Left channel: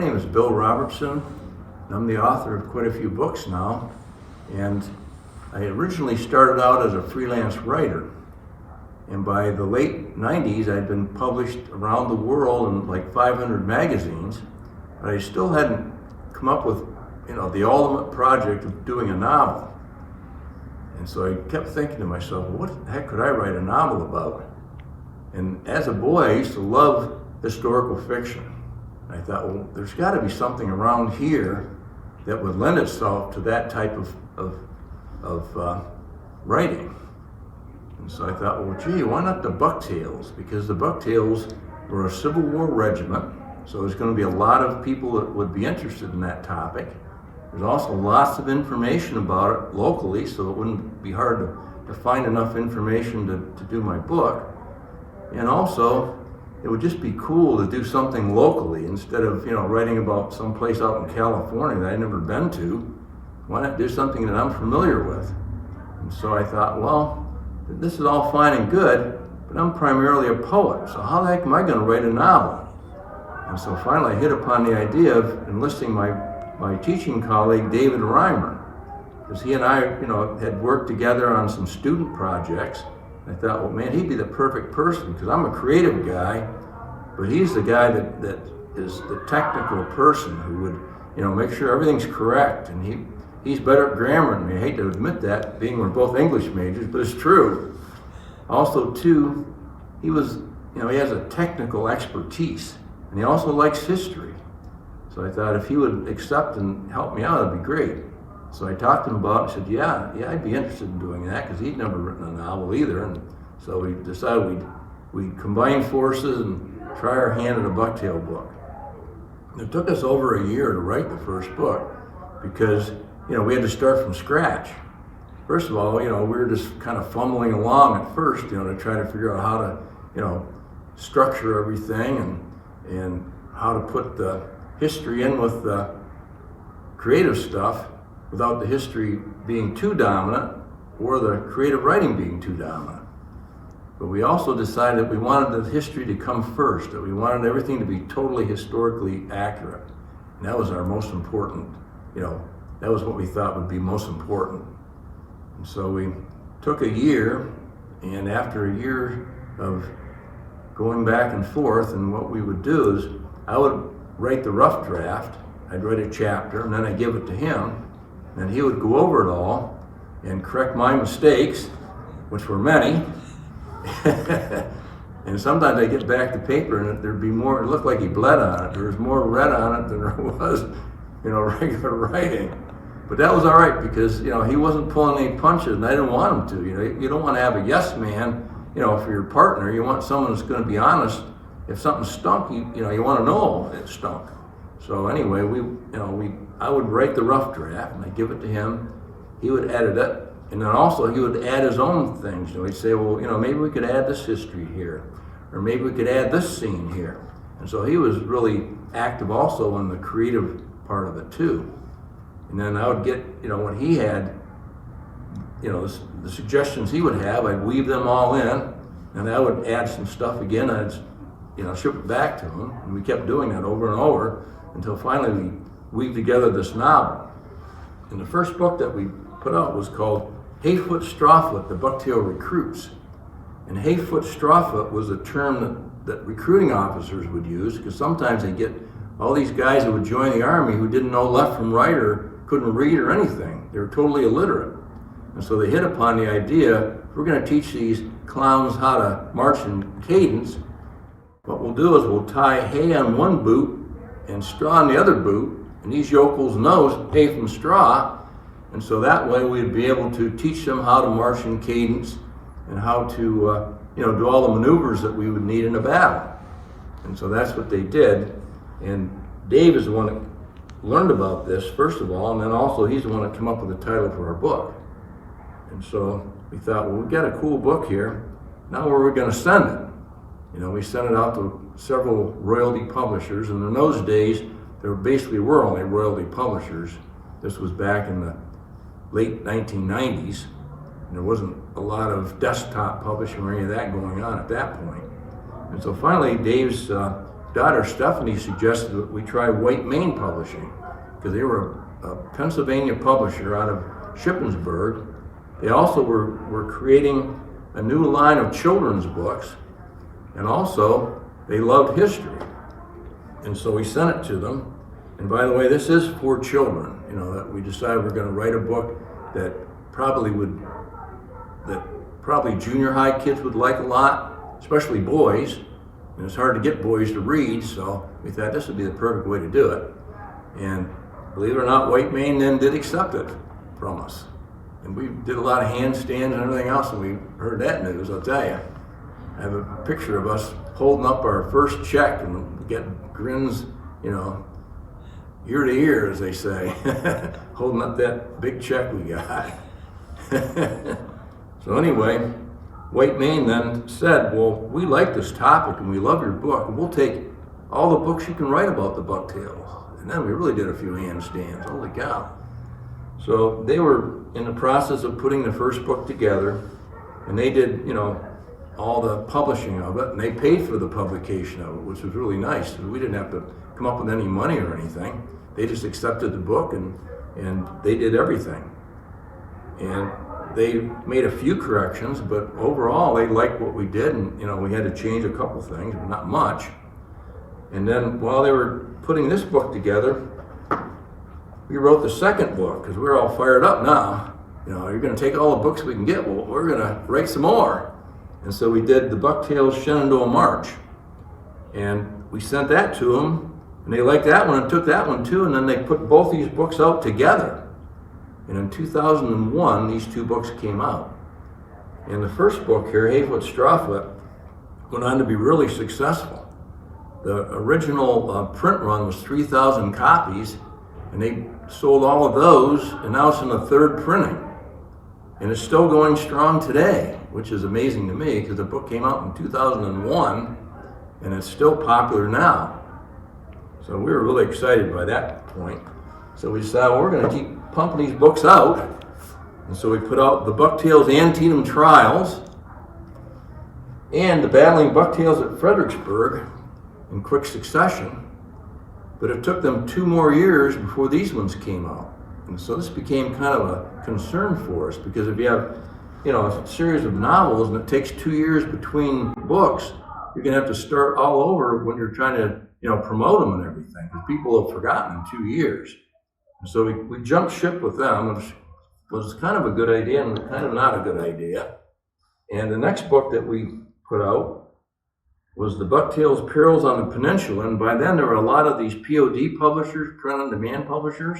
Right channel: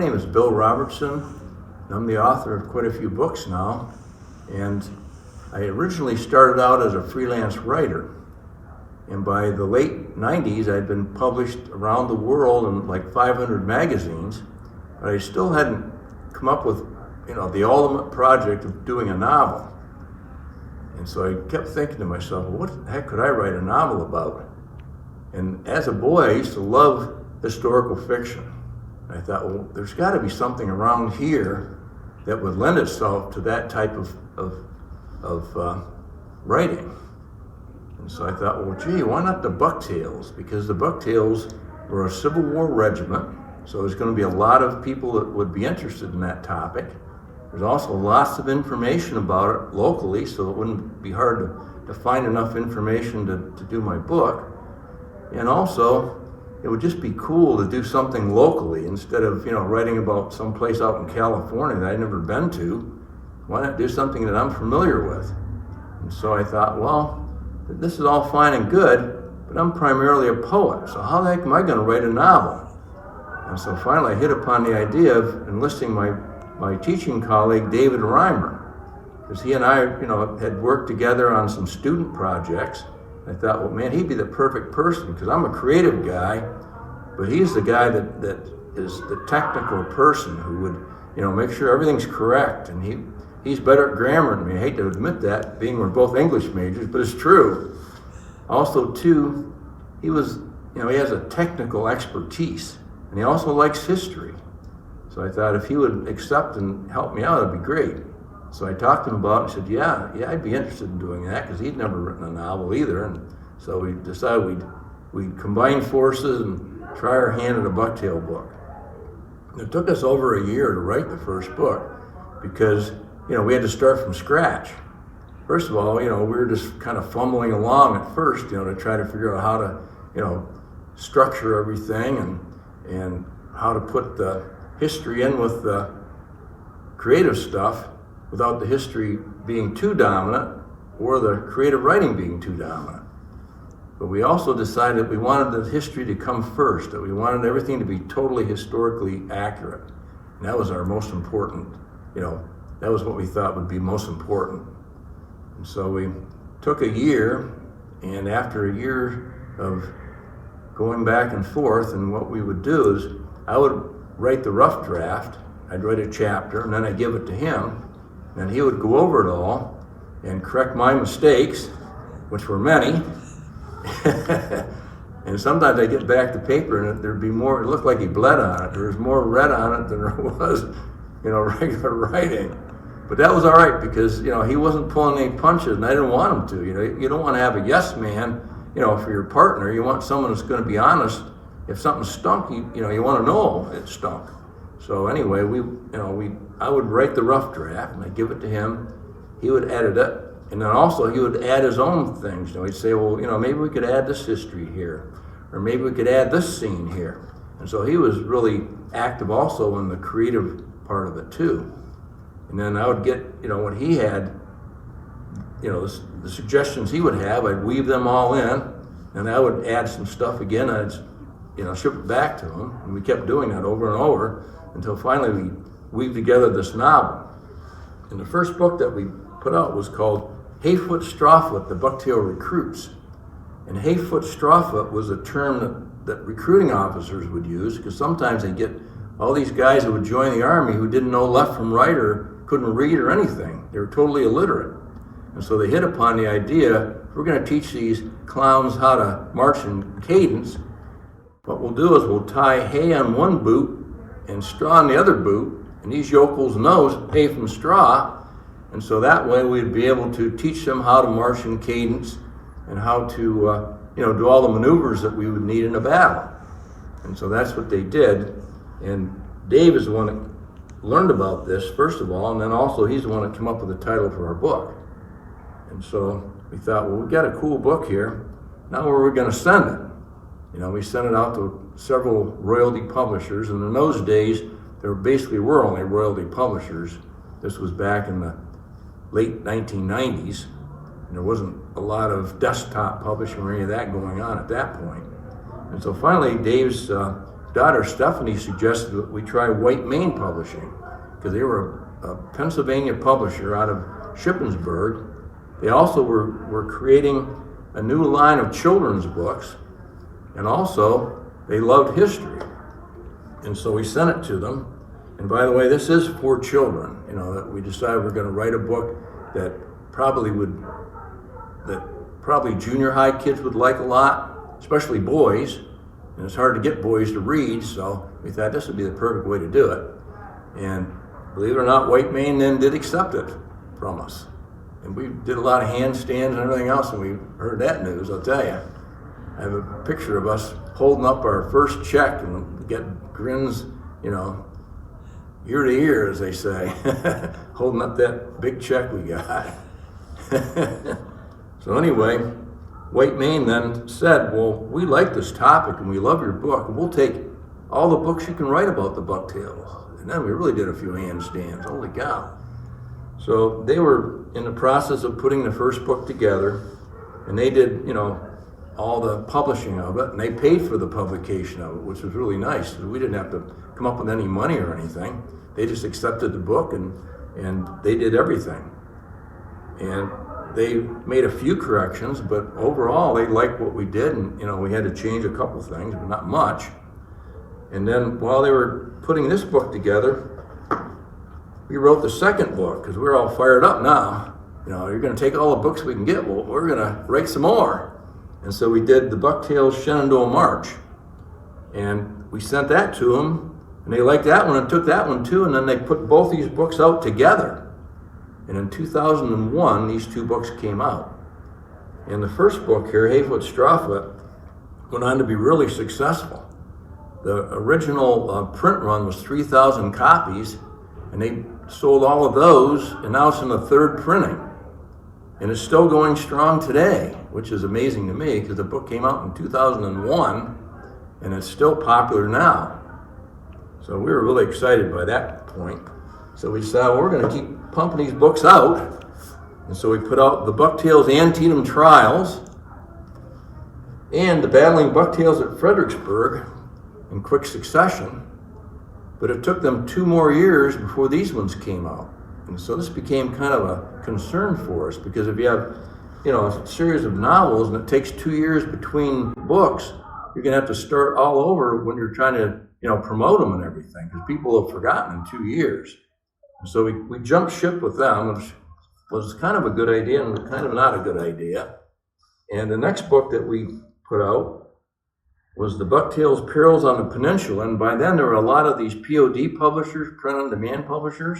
name is Bill Robertson. I'm the author of quite a few books now, and I originally started out as a freelance writer. And by the late 90s, I'd been published around the world in like 500 magazines, but I still hadn't come up with, the ultimate project of doing a novel. And so I kept thinking to myself, well, what the heck could I write a novel about? And as a boy, I used to love historical fiction. And I thought, well, there's got to be something around here that would lend itself to that type of writing. And so I thought, well, gee, why not the Bucktails? Because the Bucktails were a Civil War regiment, so there's going to be a lot of people that would be interested in that topic. There's also lots of information about it locally, so it wouldn't be hard to find enough information to do my book. And also, it would just be cool to do something locally instead of, writing about some place out in California that I'd never been to. Why not do something that I'm familiar with? And so I thought, well, this is all fine and good, but I'm primarily a poet, so how the heck am I going to write a novel? And so finally I hit upon the idea of enlisting my teaching colleague, David Reimer, because he and I, had worked together on some student projects. I thought, well, man, he'd be the perfect person, because I'm a creative guy, but he's the guy that is the technical person who would, make sure everything's correct, and he's better at grammar than me. I hate to admit that, being we're both English majors, but it's true. Also, too, he has a technical expertise, and he also likes history. So I thought if he would accept and help me out, it'd be great. So I talked to him about it and said, yeah, I'd be interested in doing that, because he'd never written a novel either. And so we decided we'd combine forces and try our hand at a Bucktail book. It took us over a year to write the first book, because we had to start from scratch. First of all, we were just kind of fumbling along at first, to try to figure out how to, structure everything and how to put the history in with the creative stuff without the history being too dominant or the creative writing being too dominant. But we also decided we wanted the history to come first, that we wanted everything to be totally historically accurate. And that was our most important, that was what we thought would be most important. And so we took a year, and after a year of going back and forth, and what we would do is I would write the rough draft, I'd write a chapter, and then I'd give it to him, and he would go over it all and correct my mistakes, which were many. And sometimes I'd get back the paper and there'd be more, it looked like he bled on it. There was more red on it than there was, regular writing. But that was all right, because, he wasn't pulling any punches, and I didn't want him to. You don't want to have a yes man, for your partner. You want someone that's going to be honest. If something stunk, you want to know it stunk. So anyway, I would write the rough draft, and I'd give it to him. He would edit it, and then also he would add his own things. He'd say, well, maybe we could add this history here, or maybe we could add this scene here. And so he was really active also in the creative part of it too. And then I would get, when he had, the suggestions he would have, I'd weave them all in, and I would add some stuff again. I'd, ship it back to him, and we kept doing that over and over until finally we weaved together this novel. And the first book that we put out was called Hayfoot Strawfoot, the Bucktail Recruits. And Hayfoot Strawfoot was a term that recruiting officers would use, because sometimes they get all these guys who would join the Army who didn't know left from right or couldn't read or anything. They were totally illiterate. And so they hit upon the idea, we're going to teach these clowns how to march in cadence. What we'll do is we'll tie hay on one boot and straw on the other boot, and these yokels know hay from straw. And so that way we'd be able to teach them how to march in cadence and how to do all the maneuvers that we would need in a battle. And so that's what they did. And Dave is the one that learned about this, first of all, and then also he's the one that came up with the title for our book. And so we thought, well, we've got a cool book here. Now where are we going to send it? We sent it out to several royalty publishers, and in those days, there basically were only royalty publishers. This was back in the late 1990s, and there wasn't a lot of desktop publishing or any of that going on at that point. And so finally, Dave's daughter Stephanie suggested that we try White Mane Publishing, because they were a Pennsylvania publisher out of Shippensburg. They also were creating a new line of children's books, and also they loved history. And so we sent it to them. And by the way, this is for children. You know, that we decided we're going to write a book that probably junior high kids would like a lot, especially boys. And it's hard to get boys to read, so we thought this would be the perfect way to do it. And believe it or not, White Mane then did accept it from us. And we did a lot of handstands and everything else, and we heard that news, I'll tell you. I have a picture of us holding up our first check, and we get grins, you know, ear to ear, as they say, holding up that big check we got. So anyway, White Mane then said, well, we like this topic and we love your book. We'll take all the books you can write about the Bucktails. And then we really did a few handstands, holy cow. So they were in the process of putting the first book together, and they did, you know, all the publishing of it, and they paid for the publication of it, which was really nice. We didn't have to come up with any money or anything. They just accepted the book and they did everything. And they made a few corrections, but overall they liked what we did, and you know, we had to change a couple things, but not much. And then while they were putting this book together, we wrote the second book, because we're all fired up now. You know, you're going to take all the books we can get, well, we're going to write some more. And so we did the Bucktails Shenandoah March, and we sent that to them, and they liked that one and took that one too, and then they put both these books out together. And in 2001, these two books came out. And the first book here, Hayfoot Strawfoot, went on to be really successful. The original print run was 3,000 copies, and they sold all of those, and now it's in the third printing. And it's still going strong today, which is amazing to me, because the book came out in 2001, and it's still popular now. So we were really excited by that point. So we decided, well, we're going to keep pumping these books out. And so we put out the Bucktails Antietam Trials and the Battling Bucktails at Fredericksburg in quick succession. But it took them 2 more years before these ones came out. And so this became kind of a concern for us, because if you have, you know, a series of novels and it takes 2 years between books, you're going to have to start all over when you're trying to, you know, promote them and everything, because people have forgotten in 2 years. And so we jumped ship with them, which was kind of a good idea and kind of not a good idea. And the next book that we put out was the Bucktails Perils on the Peninsula. And by then there were a lot of these POD publishers, print-on-demand publishers.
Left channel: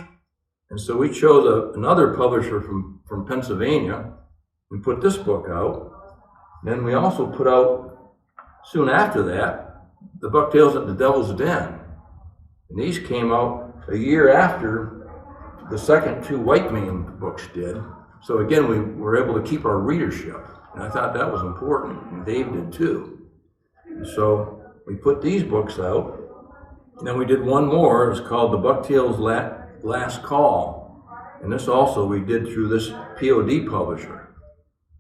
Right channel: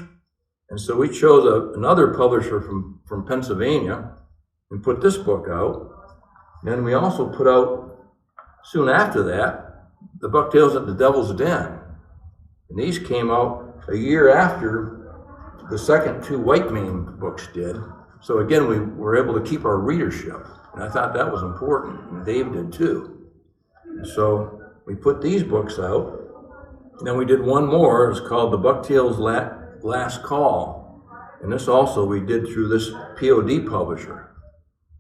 And so we chose another publisher from Pennsylvania and put this book out. Then we also put out, soon after that, the Bucktails at the Devil's Den. And these came out a year after the second 2 White Mane books did. So again, we were able to keep our readership. And I thought that was important, and Dave did too. And so we put these books out. And then we did one more. It was called the Bucktails Last Call. And this also we did through this POD publisher.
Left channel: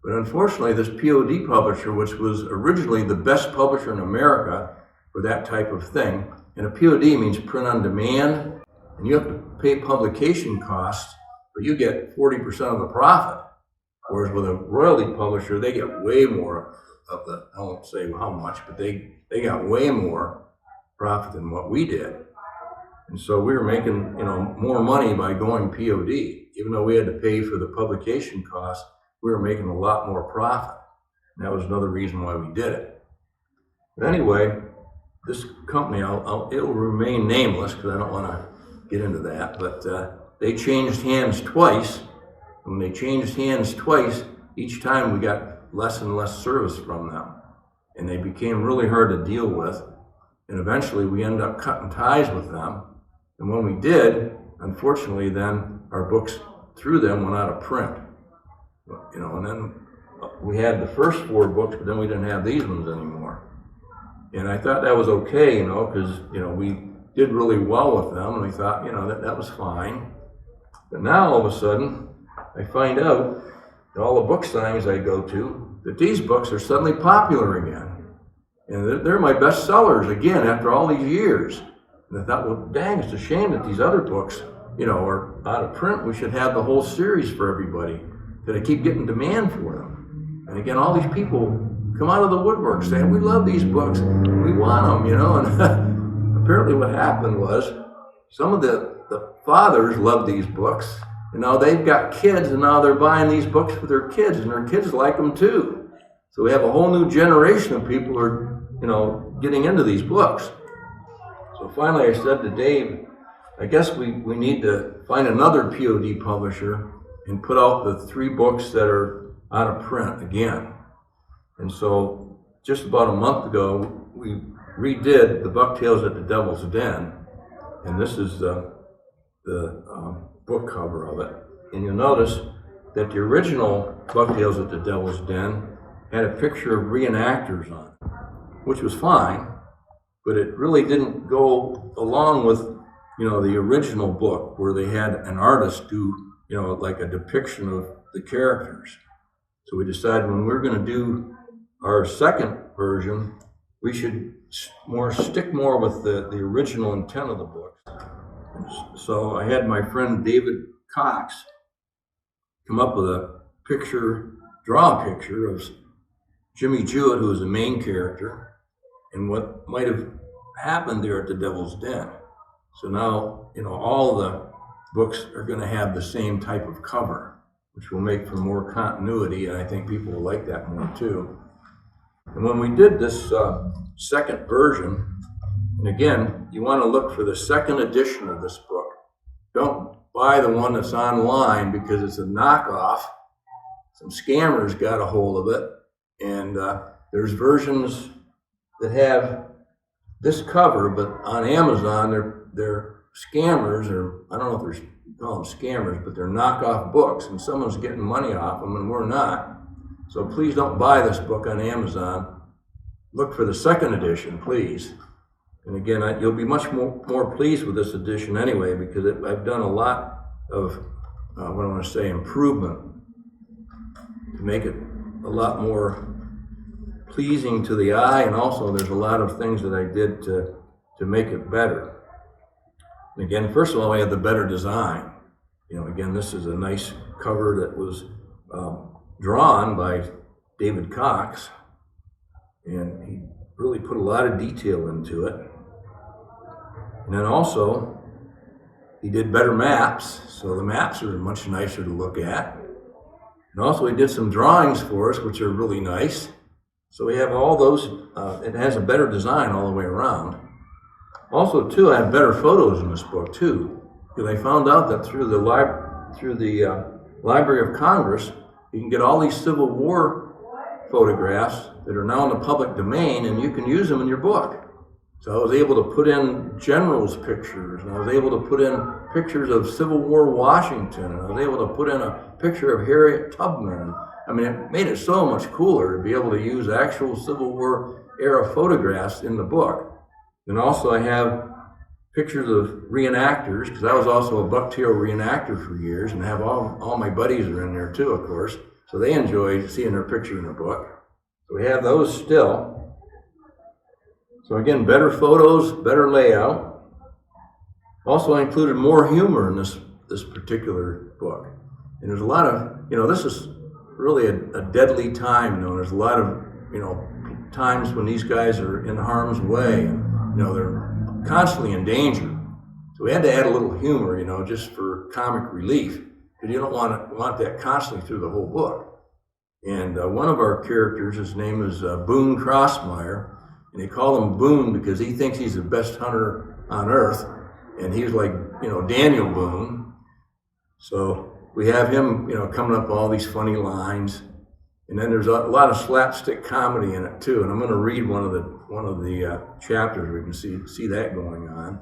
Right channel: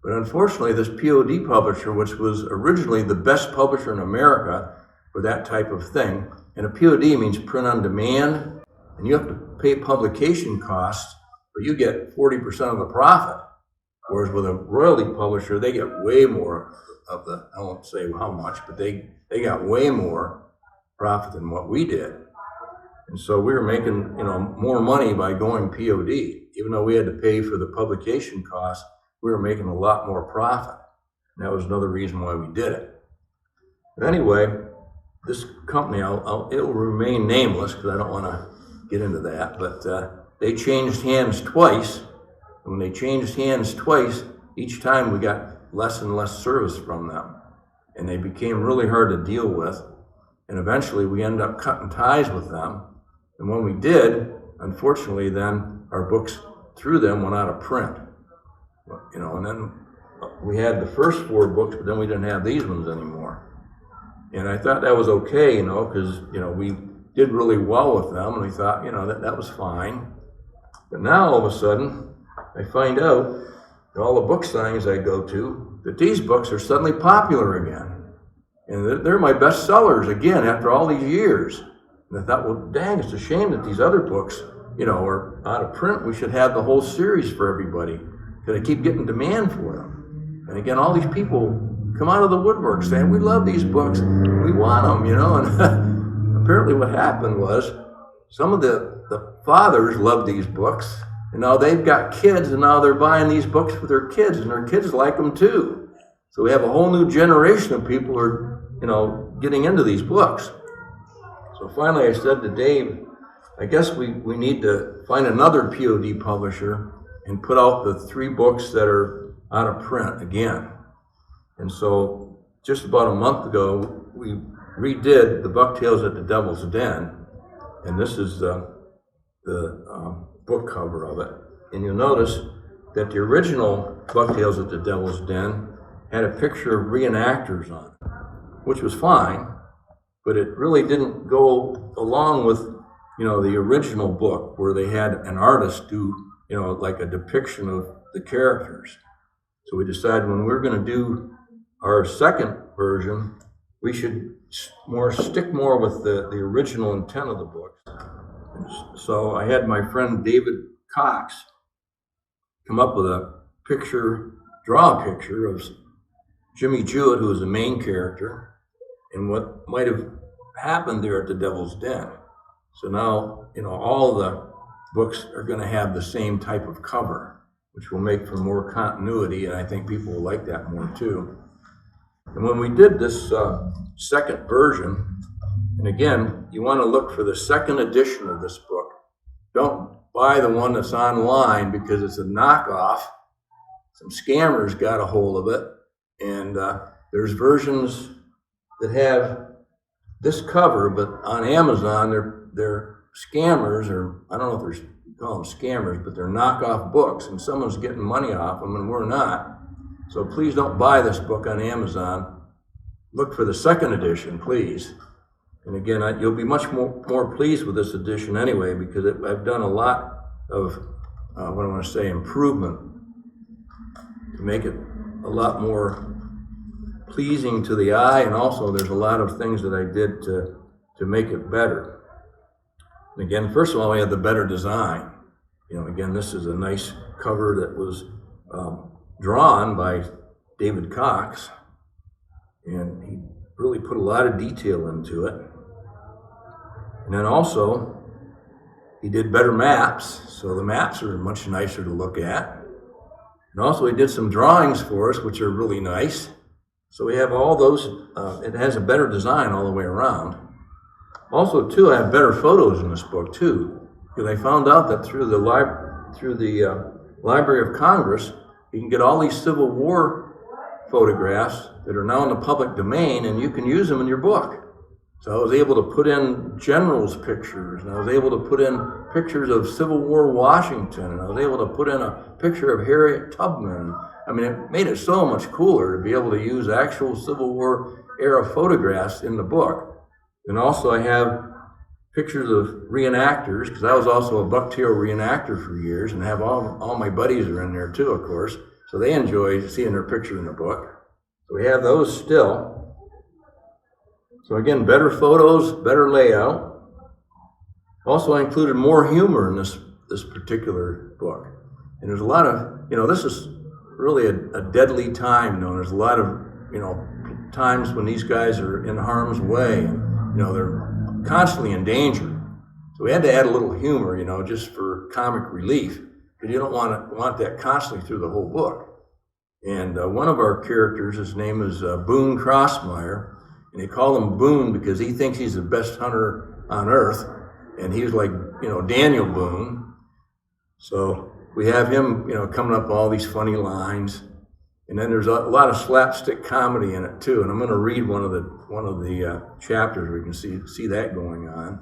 But unfortunately, this POD publisher, which was originally the best publisher in America for that type of thing, and a POD means print on demand, and you have to pay publication costs, but you get 40% of the profit. Whereas with a royalty publisher, they get way more of the, I won't say how much, but they got way more profit than what we did. And so we were making, you know, more money by going POD. Even though we had to pay for the publication costs, we were making a lot more profit. And that was another reason why we did it. But anyway, this company, it'll remain nameless because I don't want to get into that, but they changed hands twice. And when they changed hands twice, each time we got less and less service from them. And they became really hard to deal with. And eventually we ended up cutting ties with them. And when we did, unfortunately, then our books through them went out of print. You know, and then we had the first 4 books, but then we didn't have these ones anymore. And I thought that was okay, you know, because, you know, we did really well with them, and we thought, you know, that was fine. But now all of a sudden, I find out that all the book signings I go to, that these books are suddenly popular again. And they're my best sellers again after all these years. And I thought, well, dang, it's a shame that these other books, are out of print. We should have the whole series for everybody, because I keep getting demand for them. And again, all these people come out of the woodwork saying, we love these books, we want them, and apparently what happened was some of the fathers love these books, and now they've got kids, and now they're buying these books for their kids, and their kids like them too. So we have a whole new generation of people who are, getting into these books. So finally I said to Dave, I guess we need to find another POD publisher and put out the 3 books that are out of print again. And so just about a month ago, we redid the Bucktails at the Devil's Den, and this is the book cover of it. And you'll notice that the original Bucktails at the Devil's Den had a picture of reenactors on it, which was fine, but it really didn't go along with, the original book where they had an artist do, like a depiction of the characters. So we decided when we're going to do our second version, we should stick more with the original intent of the book. So I had my friend David Cox come up with draw a picture of Jimmy Jewett, who was the main character, and what might have happened there at the Devil's Den. So now, all the books are going to have the same type of cover, which will make for more continuity, and I think people will like that more too. And when we did this second version, and again, you want to look for the second edition of this book. Don't buy the one that's online because it's a knockoff. Some scammers got a hold of it, and there's versions that have this cover, but on Amazon, they're scammers, or I don't know if you call them scammers, but they're knockoff books, and someone's getting money off them, and we're not. So please don't buy this book on Amazon. Look for the second edition, please. And again, you'll be much more pleased with this edition anyway, because I've done a lot of, improvement to make it a lot more pleasing to the eye, and also there's a lot of things that I did to make it better. And again, first of all, we had the better design. Again, this is a nice cover that was drawn by David Cox, and he really put a lot of detail into it. And then also, he did better maps, so the maps are much nicer to look at. And also, he did some drawings for us, which are really nice. So we have all those, it has a better design all the way around. Also, too, I have better photos in this book, too, because I found out that through the Library of Congress, you can get all these Civil War photographs that are now in the public domain, and you can use them in your book. So I was able to put in generals' pictures, and I was able to put in pictures of Civil War Washington, and I was able to put in a picture of Harriet Tubman. I mean, it made it so much cooler to be able to use actual Civil War era photographs in the book. And also I have pictures of reenactors, because I was also a Bucktail reenactor for years, and have all my buddies are in there too, of course. So they enjoy seeing their picture in the book. So we have those still. So again, better photos, better layout. Also, I included more humor in this particular book. And there's a lot of, this is really a deadly time. There's a lot of, times when these guys are in harm's way, and, they're constantly in danger. So we had to add a little humor, just for comic relief. But you don't want that constantly through the whole book. And one of our characters, his name is Boone Crossmeyer, and they call him Boone because he thinks he's the best hunter on earth, and he was like, Daniel Boone. So we have him, coming up with all these funny lines, and then there's a lot of slapstick comedy in it too. And I'm going to read one of the chapters where you can see that going on.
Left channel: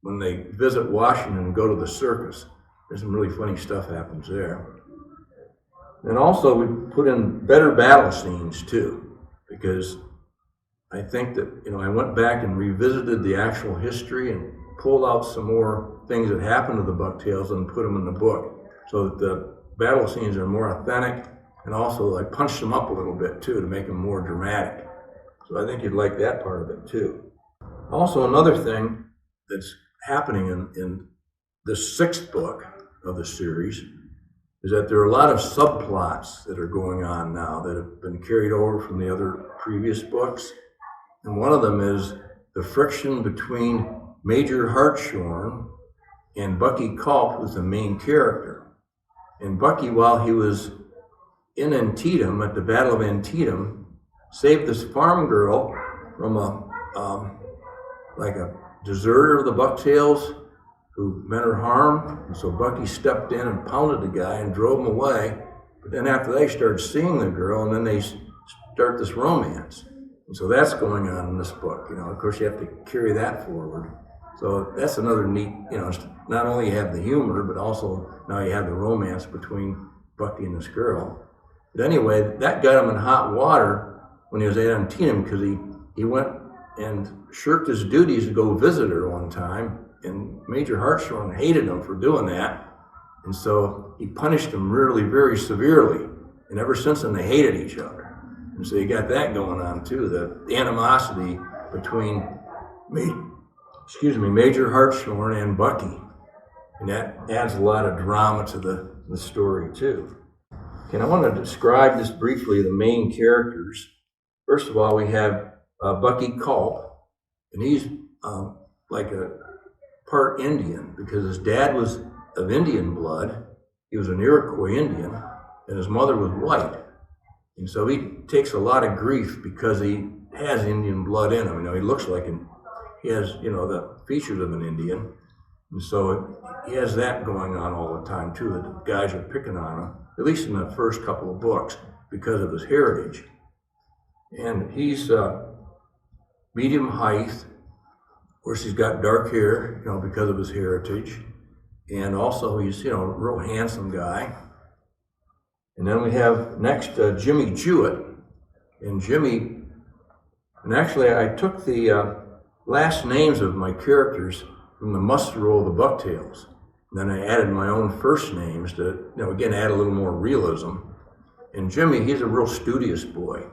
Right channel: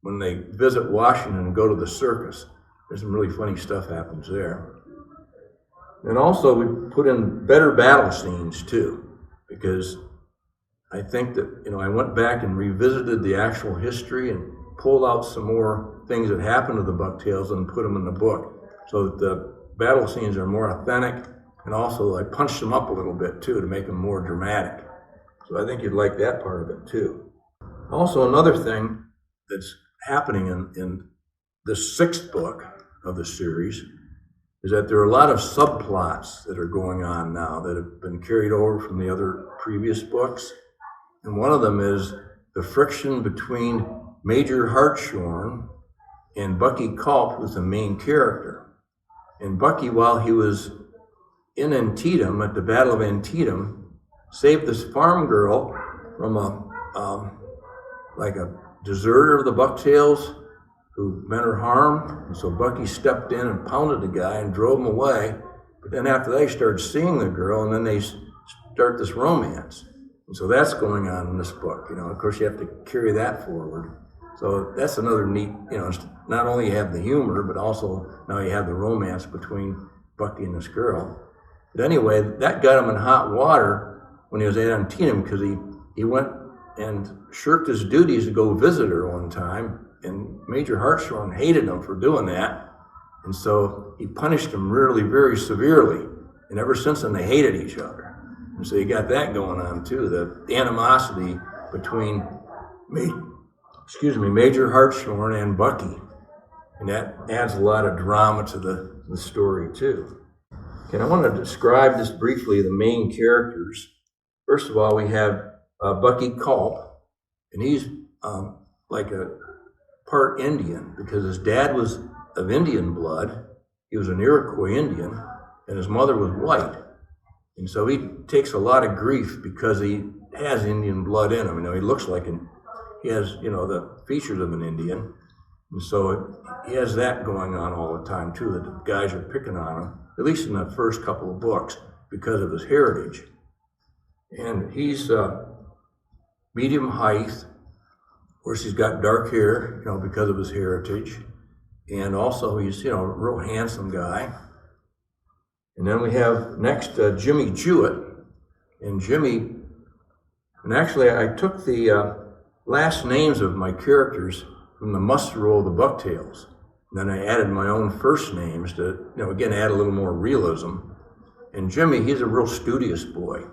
When they visit Washington and go to the circus, there's some really funny stuff happens there. And also we put in better battle scenes too, because I think that, I went back and revisited the actual history and pulled out some more things that happened to the Bucktails and put them in the book, so that the battle scenes are more authentic, and also I punched them up a little bit too to make them more dramatic. So I think you'd like that part of it too. Also, another thing that's happening in the 6th book of the series is that there are a lot of subplots that are going on now that have been carried over from the other previous books. And one of them is the friction between Major Hartshorn and Bucky Culp, who's the main character. And Bucky, while he was in Antietam, at the Battle of Antietam, saved this farm girl from a deserter of the Bucktails who meant her harm. And so Bucky stepped in and pounded the guy and drove him away. But then after they started seeing the girl, and then they start this romance. And so that's going on in this book. Of course, you have to carry that forward. So that's another neat, not only you have the humor, but also now you have the romance between Bucky and this girl. But anyway, that got him in hot water when he was at Antietam, because he went and shirked his duties to go visit her one time, and Major Hartshorn hated him for doing that, and so he punished him really very severely, and ever since then they hated each other. And so you got that going on too, the animosity between Major Hartshorn and Bucky, and that adds a lot of drama to the story too. Okay, I want to describe just briefly the main characters. First of all, we have Bucky Culp, and he's like a part Indian because his dad was of Indian blood. He was an Iroquois Indian, and his mother was white. And so he takes a lot of grief because he has Indian blood in him. He looks like he has, the features of an Indian. And so he has that going on all the time too, that the guys are picking on him, at least in the first couple of books, because of his heritage. And he's medium height. Of course, he's got dark hair, because of his heritage. And also he's, a real handsome guy. And then we have next Jimmy Jewett. And actually I took the last names of my characters from the muster roll of the Bucktails. And then I added my own first names to, again, add a little more realism. And Jimmy, he's a real studious boy.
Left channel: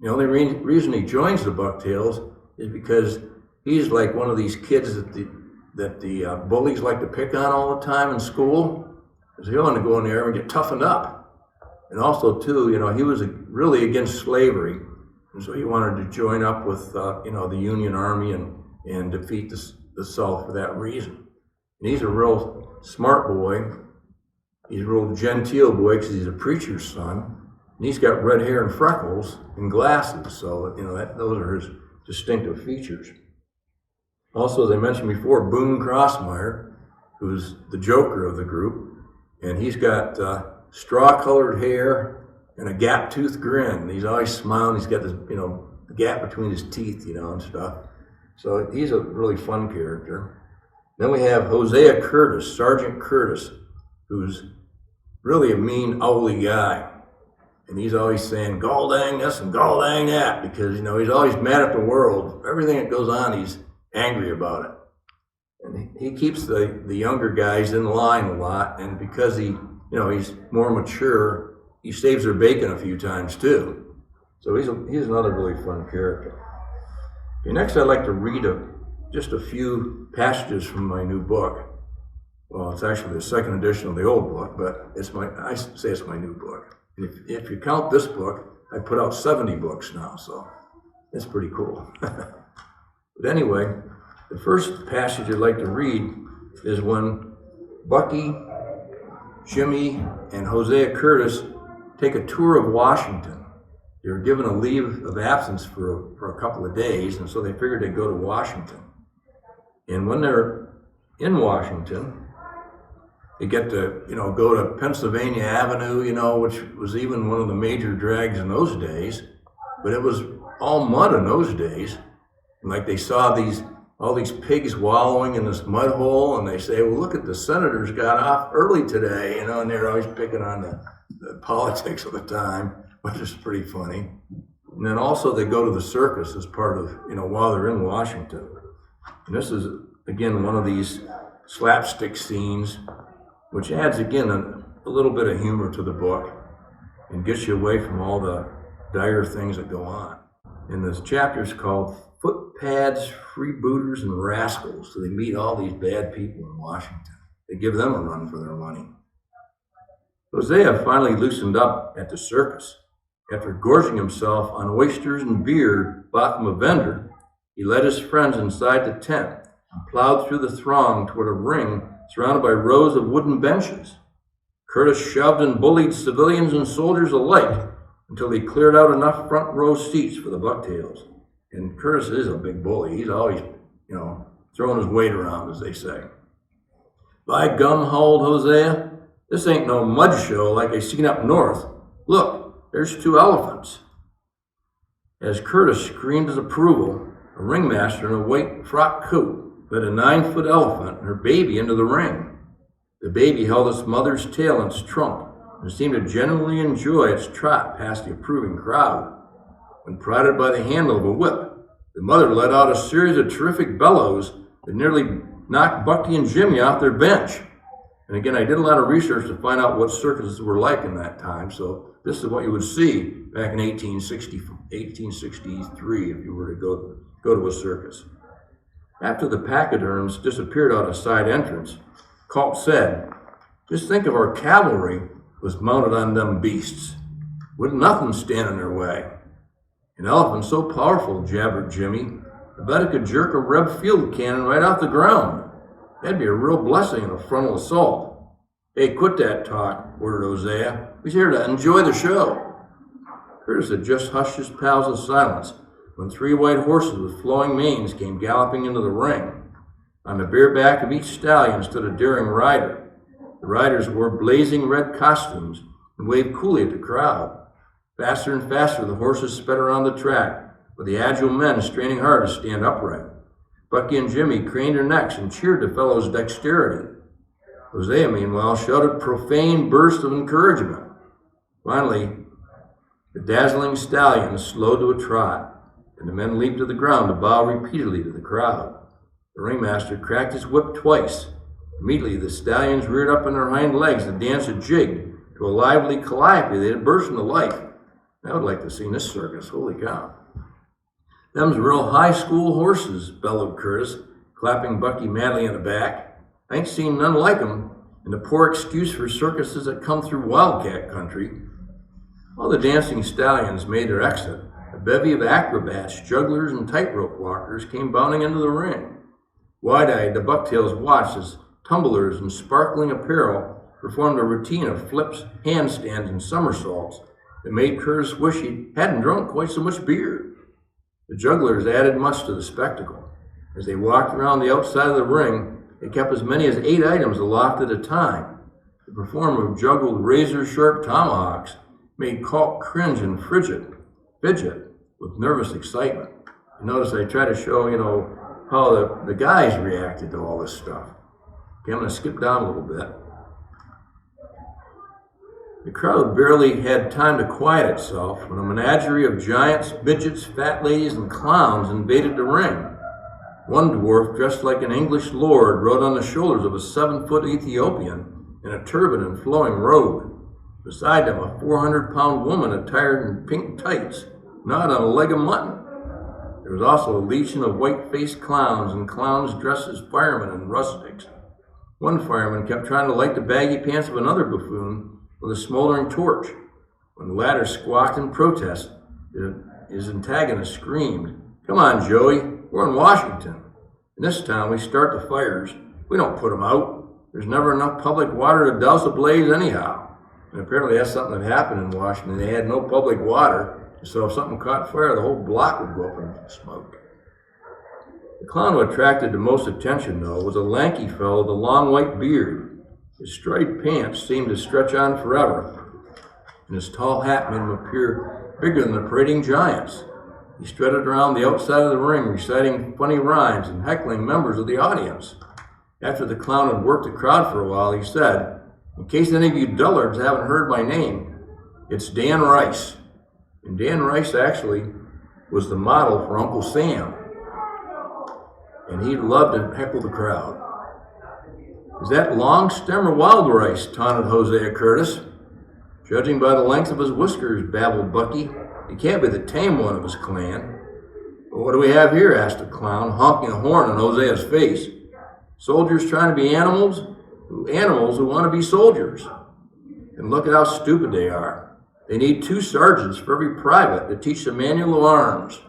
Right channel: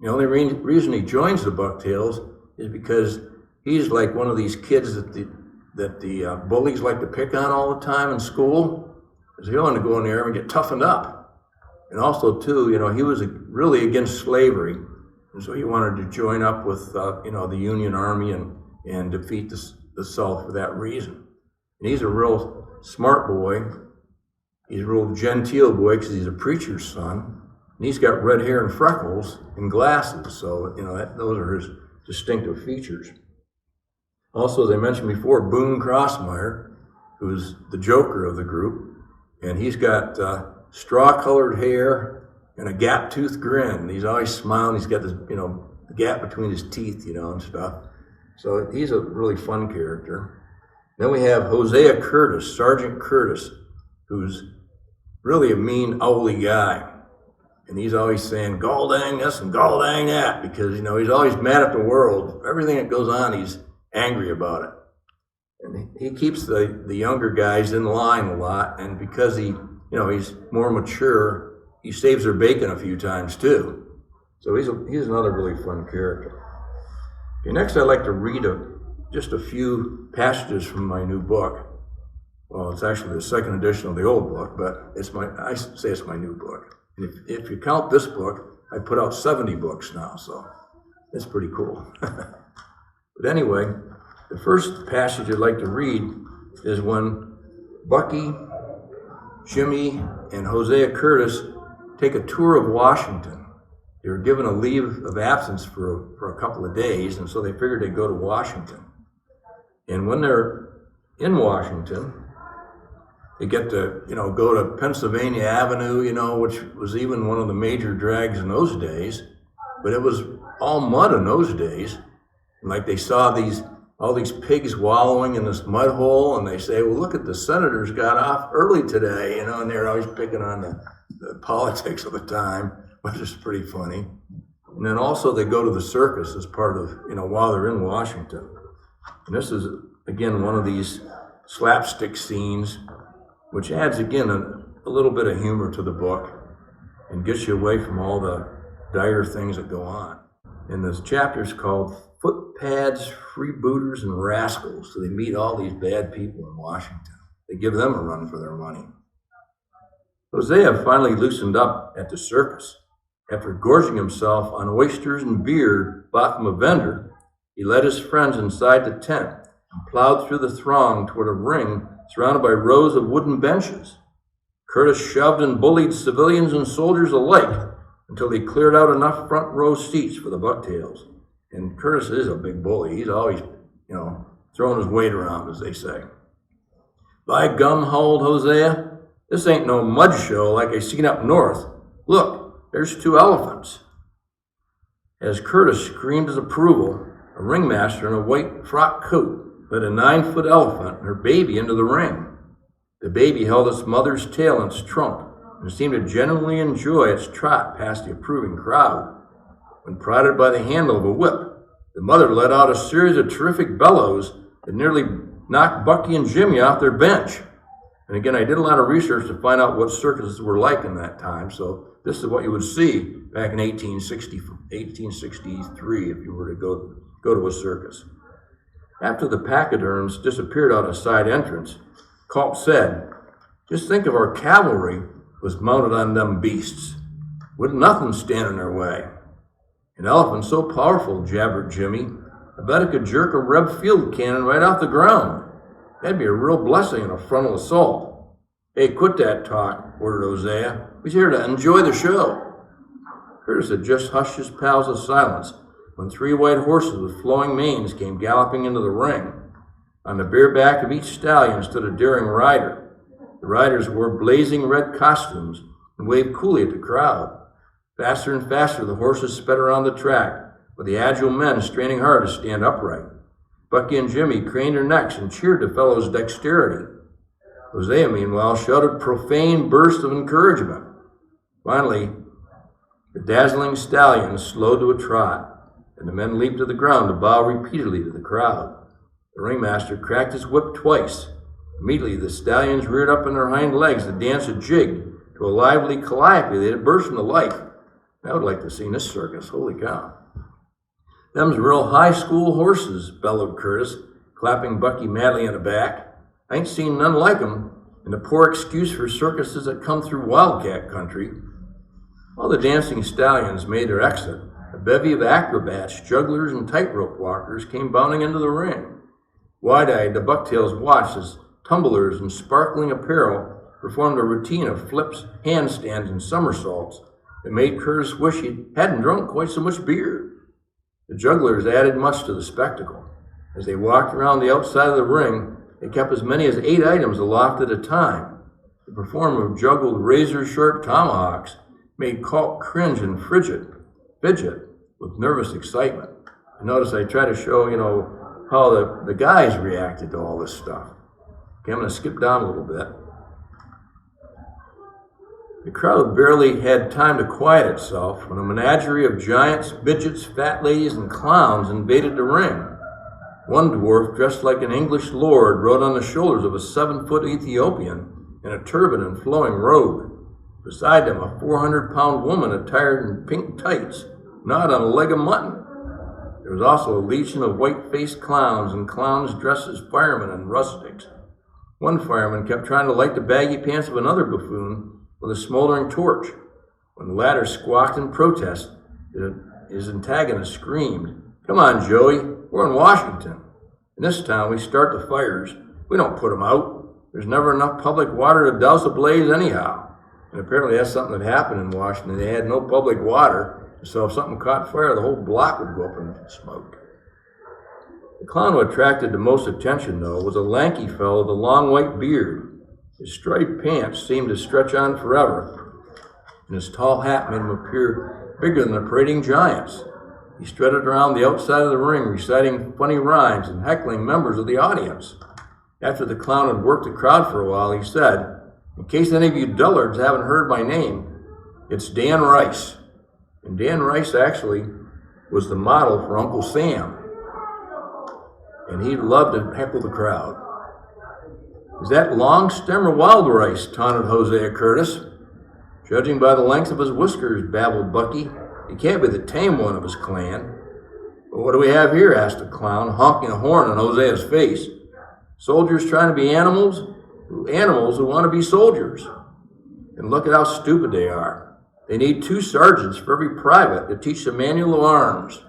The only reason he joins the Bucktails is because he's like one of these kids that the bullies like to pick on all the time in school. Because he wanted to go in there and get toughened up. And also, too, he was really against slavery. And so he wanted to join up with, the Union Army and defeat the South for that reason. And he's a real smart boy. He's a real genteel boy because he's a preacher's son. And he's got red hair and freckles and glasses. So, those are his distinctive features. Also, as I mentioned before, Boone Crossmeyer, who's the joker of the group. And he's got straw-colored hair and a gap-toothed grin. He's always smiling. He's got this, gap between his teeth, and stuff. So he's a really fun character. Then we have Hosea Curtis, Sergeant Curtis, who's really a mean, owly guy. And he's always saying, "Gall dang this and gall dang that," because, he's always mad at the world. Everything that goes on, he's angry about it. And he keeps the younger guys in line a lot, and because he's more mature, he saves their bacon a few times too. So he's another really fun character. Okay, next I'd like to read just a few passages from my new book. Well, it's actually the second edition of the old book, but I say it's my new book. If you count this book, I put out 70 books now, so it's pretty cool. But anyway, the first passage I'd like to read is when Bucky, Jimmy, and Hosea Curtis take a tour of Washington. They were given a leave of absence for a couple of days, and so they figured they'd go to Washington. And when they're in Washington, they get to, go to Pennsylvania Avenue, which was even one of the major drags in those days. But it was all mud in those days. And like they saw all these pigs wallowing in this mud hole, and they say, "Well, look at the senators got off early today," and they're always picking on the politics of the time, which is pretty funny. And then also they go to the circus as part of, while they're in Washington. And this is, again, one of these slapstick scenes, which adds, again, a little bit of humor to the book and gets you away from all the dire things that go on. And this chapter is called Footpads, Freebooters, and Rascals. So they meet all these bad people in Washington. They give them a run for their money. Hosea finally loosened up at the circus. After gorging himself on oysters and beer bought from a vendor, he led his friends inside the tent and plowed through the throng toward a ring surrounded by rows of wooden benches. Curtis shoved and bullied civilians and soldiers alike until he cleared out enough front row seats for the Bucktails. And Curtis is a big bully. He's always, throwing his weight around, as they say. By gum, howled Hosea, this ain't no mud show like I seen up north. Look, there's 2 elephants. As Curtis screamed his approval, a ringmaster in a white frock coat led a 9-foot elephant and her baby into the ring. The baby held its mother's tail in its trunk and seemed to genuinely enjoy its trot past the approving crowd. When prodded by the handle of a whip, the mother let out a series of terrific bellows that nearly knocked Bucky and Jimmy off their bench. And again, I did a lot of research to find out what circuses were like in that time, so this is what you would see back in 1863 if you were to go to a circus. After the pachyderms disappeared out a side entrance, Colt said, "Just think if our cavalry was mounted on them beasts. Wouldn't nothing stand in their way." "An elephant so powerful," jabbered Jimmy, "I bet it could jerk a Reb field cannon right off the ground. That'd be a real blessing in a frontal assault." "Hey, quit that talk," ordered Hosea. "We're here to enjoy the show." Curtis had just hushed his pals to silence when 3 white horses with flowing manes came galloping into the ring. On the bare back of each stallion stood a daring rider. The riders wore blazing red costumes and waved coolly at the crowd. Faster and faster the horses sped around the track, with the agile men straining hard to stand upright. Bucky and Jimmy craned their necks and cheered the fellow's dexterity. Hosea, meanwhile, shouted profane bursts of encouragement. Finally, the dazzling stallions slowed to a trot, and the men leaped to the ground to bow repeatedly to the crowd. The ringmaster cracked his whip twice. Immediately, the stallions reared up on their hind legs to dance a jig to a lively calliope that had burst into life. I would like to see this circus. Holy cow. "Them's real high school horses," bellowed Curtis, clapping Bucky madly on the back. "I ain't seen none like 'em, and a poor excuse for circuses that come through wildcat country." All the dancing stallions made their exit. A bevy of acrobats, jugglers, and tightrope walkers came bounding into the ring. Wide-eyed, the Bucktails watched as tumblers in sparkling apparel performed a routine of flips, handstands, and somersaults that made Curtis wish he hadn't drunk quite so much beer. The jugglers added much to the spectacle. As they walked around the outside of the ring, they kept as many as 8 items aloft at a time. The performer juggled razor-sharp tomahawks, made Colt cringe and fidget with nervous excitement. And notice I try to show, how the guys reacted to all this stuff. Okay, I'm going to skip down a little bit. The crowd barely had time to quiet itself when a menagerie of giants, midgets, fat ladies, and clowns invaded the ring. One dwarf, dressed like an English lord, rode on the shoulders of a 7-foot Ethiopian in a turban and flowing robe. Beside him, a 400-pound woman attired in pink tights gnawed on a leg of mutton. There was also a legion of white-faced clowns and clowns dressed as firemen and rustics. One fireman kept trying to light the baggy pants of another buffoon with a smoldering torch. When the latter squawked in protest, his antagonist screamed, "Come on, Joey, we're in Washington. In this town, we start the fires. We don't put them out. There's never enough public water to douse a blaze anyhow." And apparently that's something that happened in Washington. They had no public water, so if something caught fire, the whole block would go up in smoke. The clown who attracted the most attention, though, was a lanky fellow with a long white beard. His striped pants seemed to stretch on forever, and his tall hat made him appear bigger than the parading giants. He strutted around the outside of the ring, reciting funny rhymes and heckling members of the audience. After the clown had worked the crowd for a while, he said, "In case any of you dullards haven't heard my name, it's Dan Rice." And Dan Rice actually was the model for Uncle Sam. And he loved to heckle the crowd. "Is that long stem or wild rice?" taunted Hosea Curtis. "Judging by the length of his whiskers," babbled Bucky, He can't be the tame one of his clan. Well, what do we have here? Asked the clown, honking a horn in Hosea's face. Soldiers trying to be animals who want to be soldiers. And look at how stupid they are. They need 2 sergeants for every private to teach the manual of arms.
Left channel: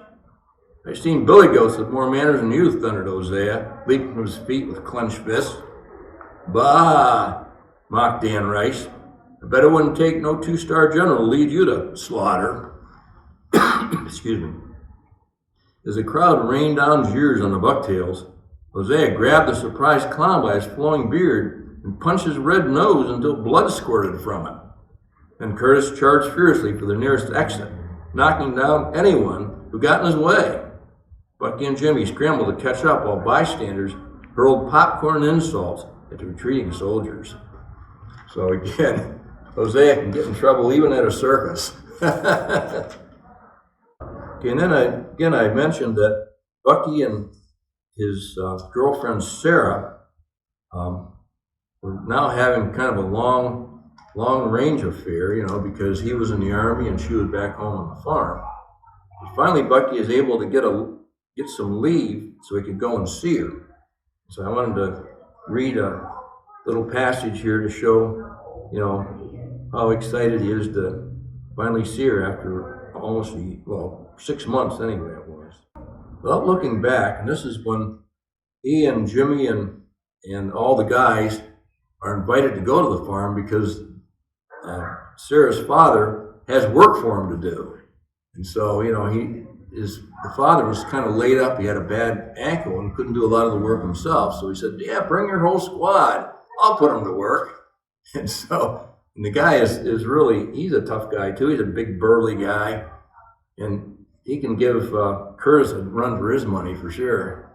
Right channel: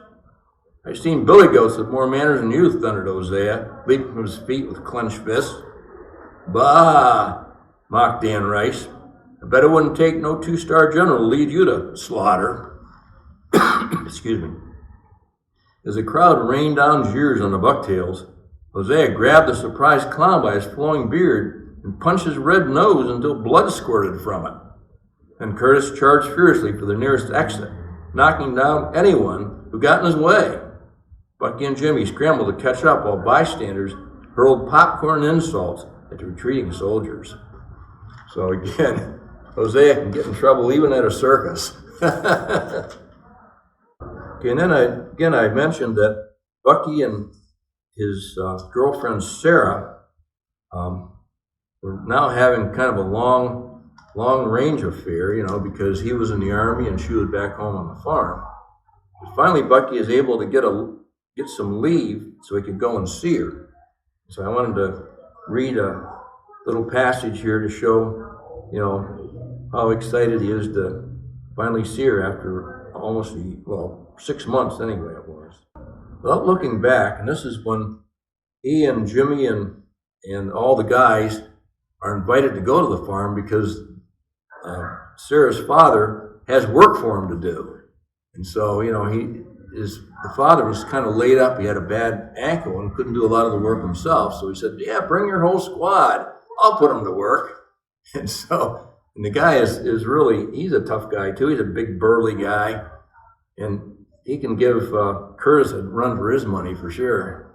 I've seen billy goats with more manners than you, thundered Hosea, leaping from his feet with clenched fists. Bah, mocked Dan Rice. I bet it wouldn't take no 2-star general to lead you to slaughter. Excuse me. As the crowd rained down jeers on the Bucktails, Hosea grabbed the surprised clown by his flowing beard and punched his red nose until blood squirted from it. Then Curtis charged furiously for the nearest exit, knocking down anyone who got in his way. Bucky and Jimmy scrambled to catch up while bystanders hurled popcorn insults at the retreating soldiers. So again, Hosea can get in trouble even at a circus. Okay, and then I mentioned that Bucky and his girlfriend Sarah were now having kind of a long-range affair, because he was in the Army and she was back home on the farm. And finally, Bucky is able to get some leave so he could go and see her. So I wanted to read a little passage here to show, how excited he is to finally see her after almost 6 months anyway it was. Without looking back, and this is when he and Jimmy and all the guys are invited to go to the farm because Sarah's father has work for him to do. And so, the father was kind of laid up. He had a bad ankle and couldn't do a lot of the work himself. So he said, yeah, bring your whole squad. I'll put him to work. And the guy is really, he's a tough guy too. He's a big burly guy. And he can give Curtis a run for his money for sure.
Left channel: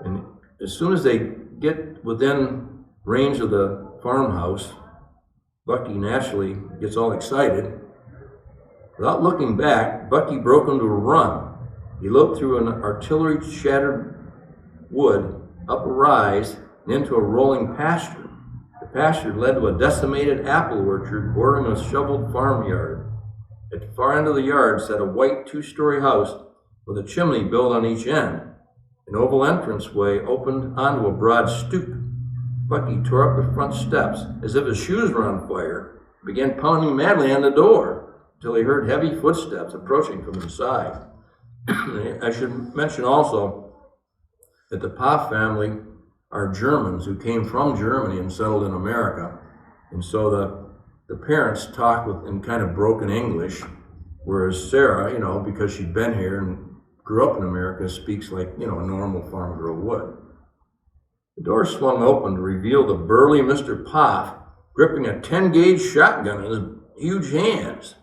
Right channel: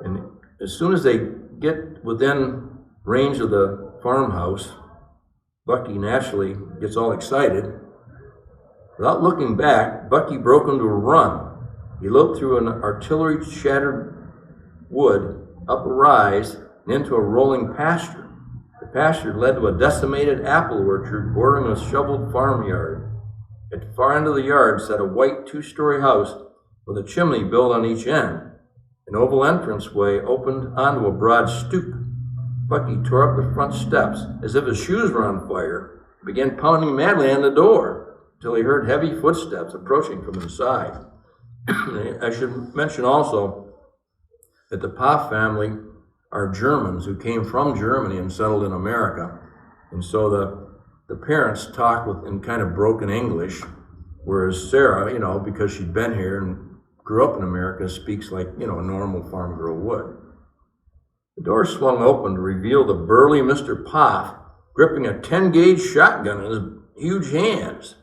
And as soon as they get within range of the farmhouse, Bucky naturally gets all excited. Without looking back, Bucky broke into a run. He loped through an artillery-shattered wood, up a rise, and into a rolling pasture. The pasture led to a decimated apple orchard bordering a shoveled farmyard. At the far end of the yard sat a white 2-story house with a chimney built on each end. An oval entranceway opened onto a broad stoop. Bucky tore up the front steps as if his shoes were on fire and began pounding madly on the door until he heard heavy footsteps approaching from inside. I should mention also that the Poff family are Germans who came from Germany and settled in America. And so the parents talk in kind of broken English, whereas Sarah, because she'd been here and grew up in America, speaks like, a normal farm girl would. The door swung open to reveal the burly Mr. Poff gripping a 10-gauge shotgun in his huge hands.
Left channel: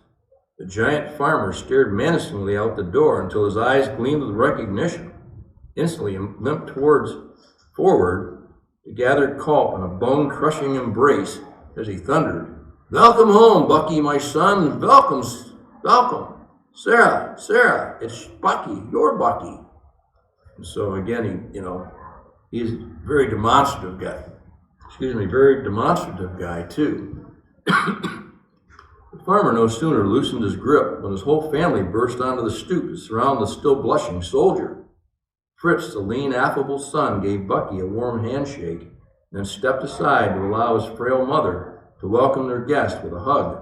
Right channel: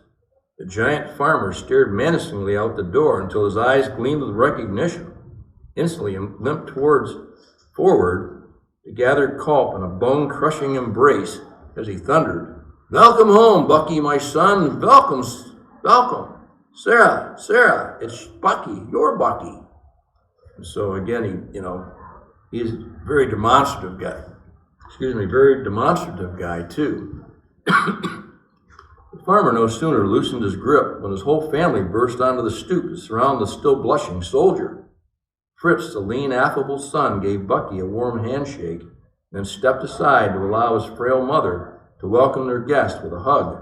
The giant farmer stared menacingly out the door until his eyes gleamed with recognition. Instantly, he limped forward to gathered Culp in a bone-crushing embrace as he thundered, "Welcome home, Bucky, my son. Welcome. Sarah, it's Bucky, your Bucky." And so again, he's a very demonstrative guy too. The farmer no sooner loosened his grip when his whole family burst onto the stoop to surround the still blushing soldier. Fritz, the lean, affable son, gave Bucky a warm handshake and then stepped aside to allow his frail mother to welcome their guest with a hug.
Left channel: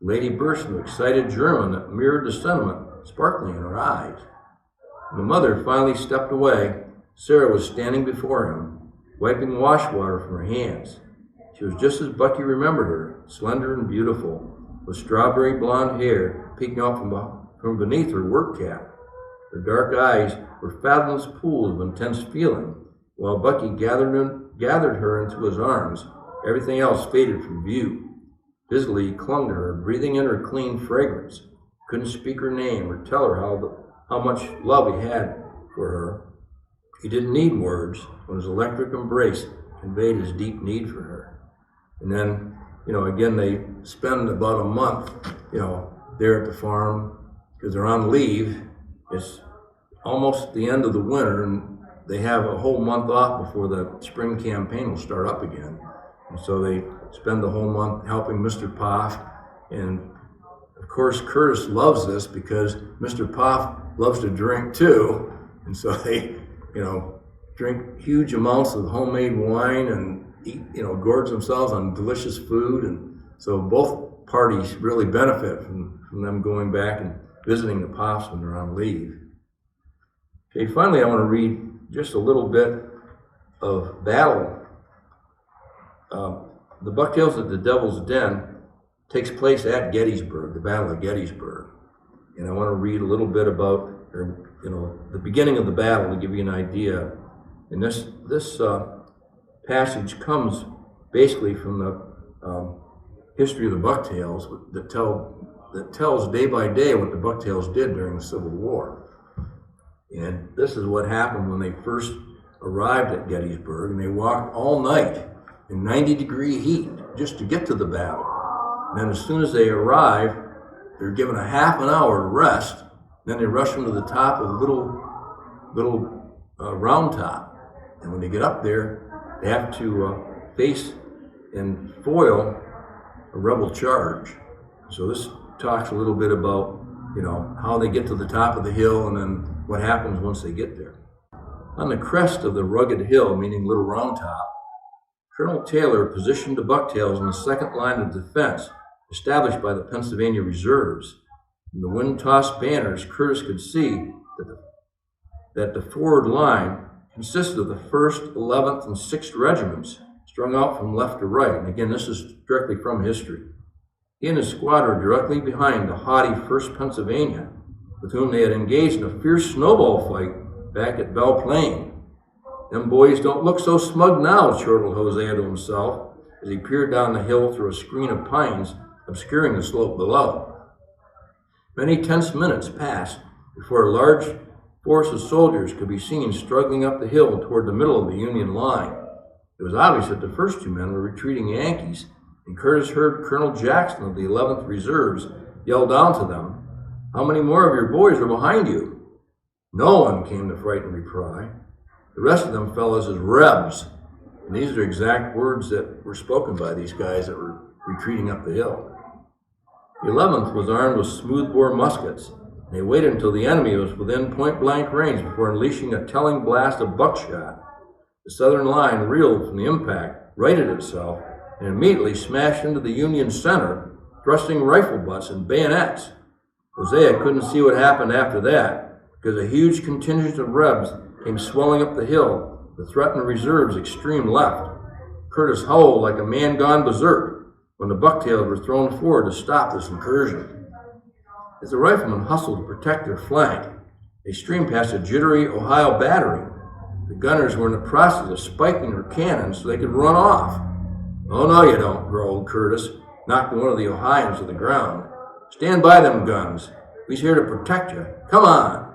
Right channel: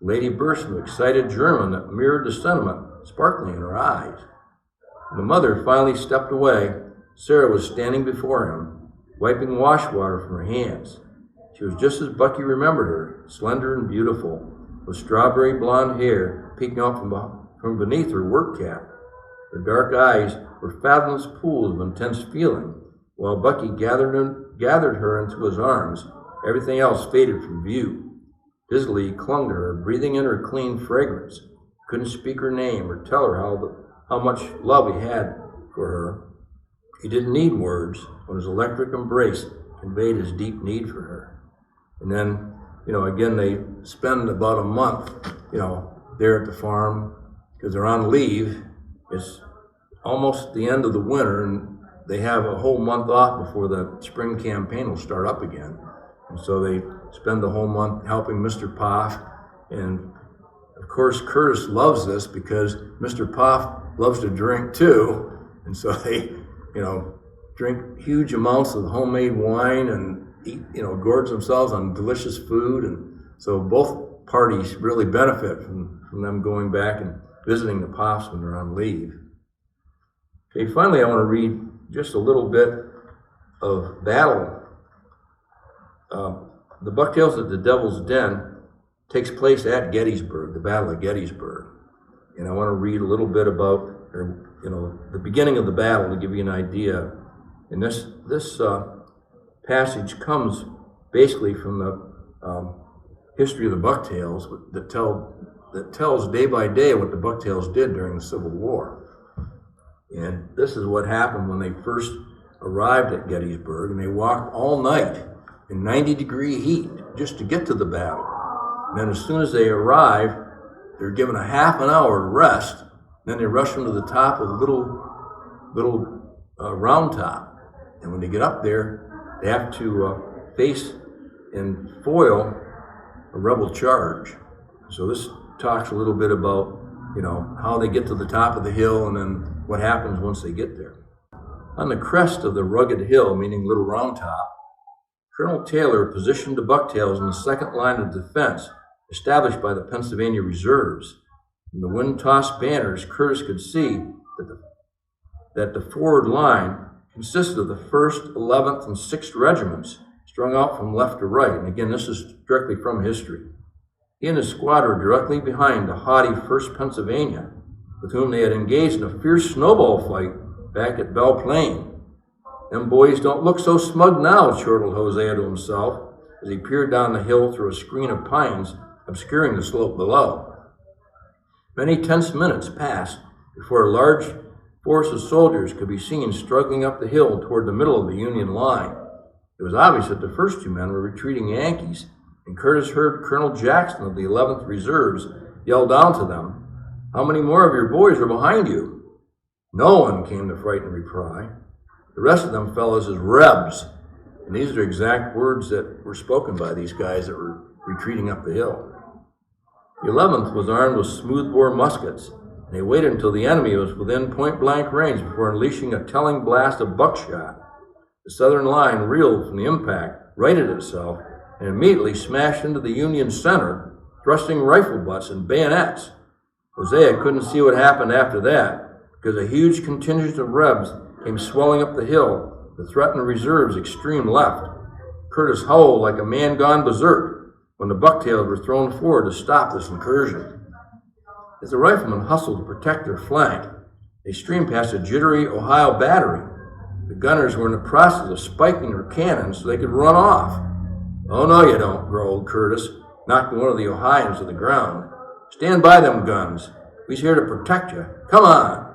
The lady burst into excited German that mirrored the sentiment sparkling in her eyes. When the mother finally stepped away, Sarah was standing before him, wiping wash water from her hands. She was just as Bucky remembered her, slender and beautiful, with strawberry blonde hair peeking out from beneath her work cap. Her dark eyes were fathomless pools of intense feeling, while Bucky gathered her into his arms. Everything else faded from view. Dizzily he clung to her, breathing in her clean fragrance. Couldn't speak her name or tell her how much love he had for her. He didn't need words when his electric embrace conveyed his deep need for her. And then, again, they spend about a month, there at the farm because they're on leave. It's almost the end of the winter, and they have a whole month off before the spring campaign will start up again. And so they spend the whole month helping Mr. Poff and Of course, Curtis loves this because Mr. Poff loves to drink too. And so they, drink huge amounts of homemade wine and eat, gorge themselves on delicious food. And so both parties really benefit from them going back and visiting the Poffs when they're on leave. Okay, finally, I want to read just a little bit of battle. The Bucktails at the Devil's Den takes place at Gettysburg, the Battle of Gettysburg. And I want to read a little bit about, the beginning of the battle to give you an idea. And this passage comes basically from the history of the Bucktails that tells day by day what the Bucktails did during the Civil War. And this is what happened when they first arrived at Gettysburg, and they walked all night in 90-degree heat just to get to the battle. And then as soon as they arrive, they're given a half an hour to rest. Then they rush into the top of the little round top. And when they get up there, they have to face and foil a rebel charge. So this talks a little bit about, how they get to the top of the hill and then what happens once they get there. On the crest of the rugged hill, meaning Little Round Top, Colonel Taylor positioned the Bucktails in the second line of defense established by the Pennsylvania reserves. From the wind-tossed banners, Curtis could see that the forward line consisted of the 1st, 11th, and 6th regiments strung out from left to right. And again, this is directly from history. He and his squad were directly behind the haughty 1st Pennsylvania, with whom they had engaged in a fierce snowball fight back at Belle Plaine. Them boys don't look so smug now, chortled Hosea to himself as he peered down the hill through a screen of pines obscuring the slope below. Many tense minutes passed before a large force of soldiers could be seen struggling up the hill toward the middle of the Union line. It was obvious that the first two men were retreating Yankees, and Curtis heard Colonel Jackson of the 11th Reserves yell down to them, "How many more of your boys are behind you?" "No one," came the frightened reply. "The rest of them fellows is Rebs." And these are exact words that were spoken by these guys that were retreating up the hill. The 11th was armed with smoothbore muskets, and they waited until the enemy was within point-blank range before unleashing a telling blast of buckshot. The Southern line reeled from the impact, righted itself, and immediately smashed into the Union center, thrusting rifle butts and bayonets. Hosea couldn't see what happened after that, because a huge contingent of Rebs came swelling up the hill, the threatened reserves' extreme left. Curtis howled like a man gone berserk when the Bucktails were thrown forward to stop this incursion. As the riflemen hustled to protect their flank, they streamed past a jittery Ohio battery. The gunners were in the process of spiking their cannons so they could run off. "Oh, no, you don't," growled Curtis, knocking one of the Ohioans to the ground. "Stand by them guns. We's here to protect you. Come on."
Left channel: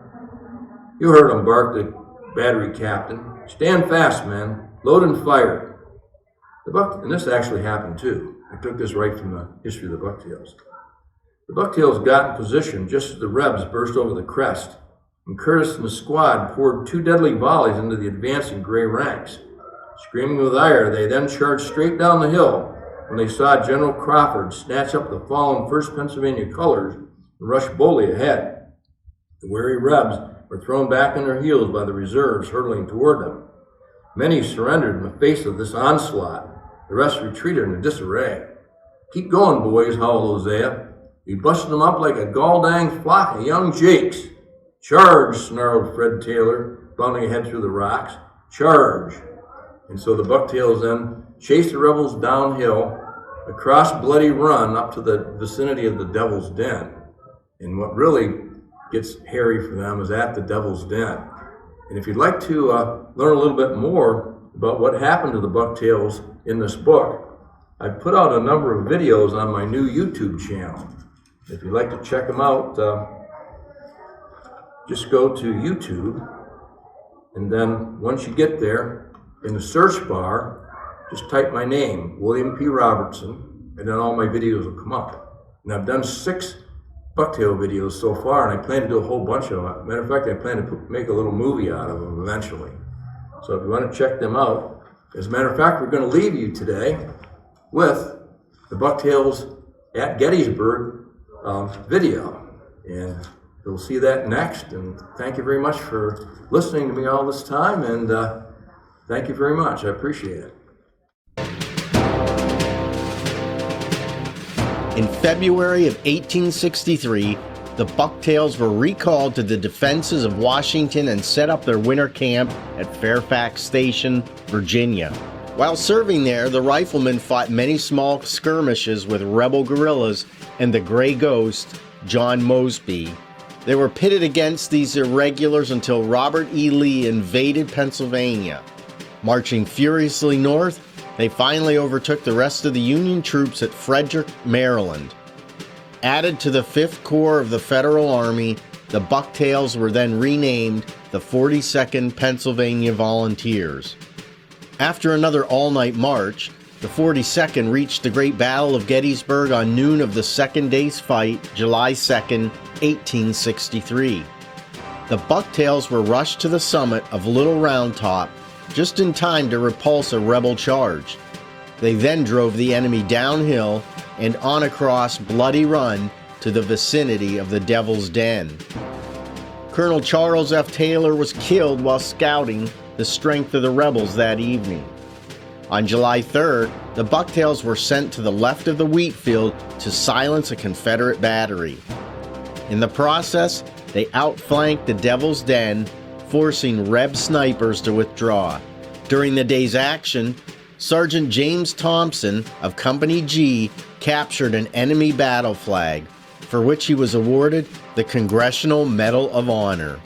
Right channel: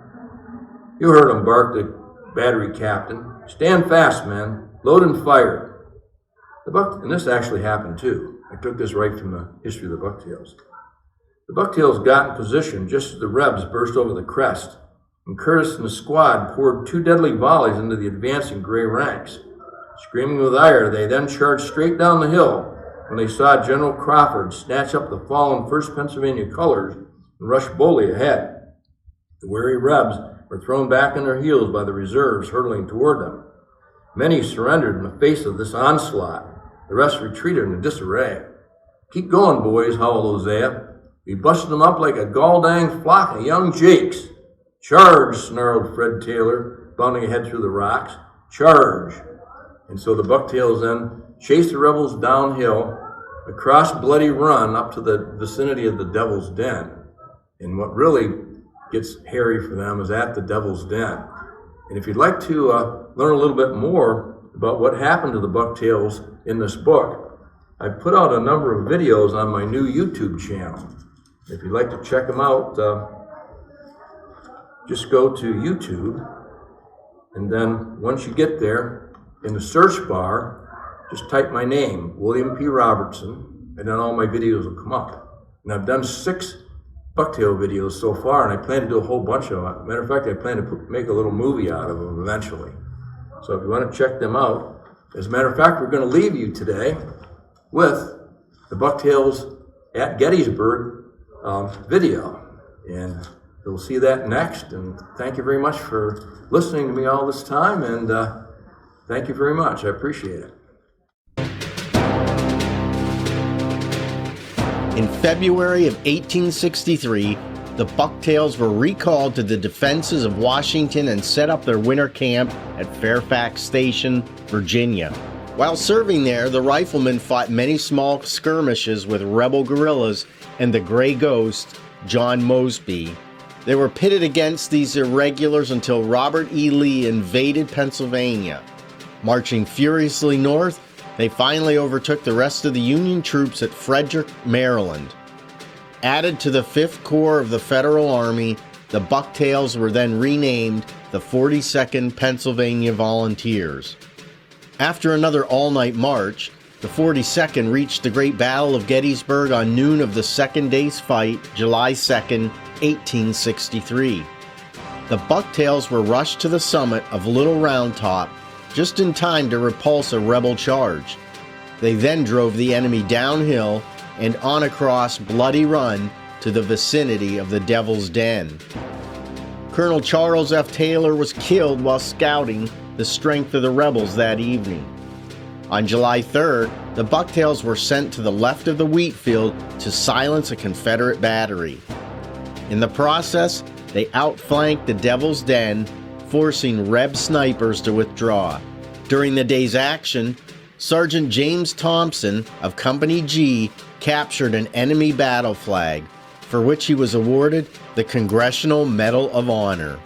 "You heard him," barked the battery captain. "Stand fast, men. Load and fire." And this actually happened too. I took this right from the history of the Bucktails. The Bucktails got in position just as the Rebs burst over the crest, and Curtis and the squad poured 2 deadly volleys into the advancing gray ranks. Screaming with ire, they then charged straight down the hill when they saw General Crawford snatch up the fallen 1st Pennsylvania colors and rush boldly ahead. The weary Rebs were thrown back on their heels by the reserves hurtling toward them. Many surrendered in the face of this onslaught. The rest retreated in disarray. "Keep going, boys," howled Hosea. "We busted them up like a gall-dang flock of young jakes." "Charge!" snarled Fred Taylor, bounding ahead through the rocks. "Charge!" And so the Bucktails then chased the rebels downhill, across Bloody Run up to the vicinity of the Devil's Den. And what really gets hairy for them is at the Devil's Den. And if you'd like to learn a little bit more about what happened to the Bucktails in this book, I put out a number of videos on my new YouTube channel. If you'd like to check them out, just go to YouTube, and then once you get there, in the search bar, just type my name, William P. Robertson, and then all my videos will come up. And I've done 6 Bucktail videos so far, and I plan to do a whole bunch of them. Matter of fact, I plan to make a little movie out of them eventually. So if you want to check them out, as a matter of fact, we're going to leave you today with the Bucktails at Gettysburg video. And you'll see that next. And thank you very much for listening to me all this time. And thank you very much. I appreciate it. In February of 1863, the Bucktails were recalled to the defenses of Washington and set up their winter camp at Fairfax Station, Virginia. While serving there, the riflemen fought many small skirmishes with rebel guerrillas and the Gray Ghost, John Mosby. They were pitted against these irregulars until Robert E. Lee invaded Pennsylvania. Marching furiously north, they finally overtook the rest of the Union troops at Frederick, Maryland. Added to the 5th Corps of the Federal Army, the Bucktails were then renamed the 42nd Pennsylvania Volunteers. After another all-night march, the 42nd reached the Great Battle of Gettysburg on noon of the second day's fight, July 2nd, 1863. The Bucktails were rushed to the summit of Little Round Top just in time to repulse a rebel charge. They then drove the enemy downhill and on across Bloody Run to the vicinity of the Devil's Den. Colonel Charles F. Taylor was killed while scouting the strength of the rebels that evening. On July 3rd, the Bucktails were sent to the left of the wheat field to silence a Confederate battery. In the process, they outflanked the Devil's Den, forcing Reb snipers to withdraw. During the day's action, Sergeant James Thompson of Company G captured an enemy battle flag, for which he was awarded the Congressional Medal of Honor.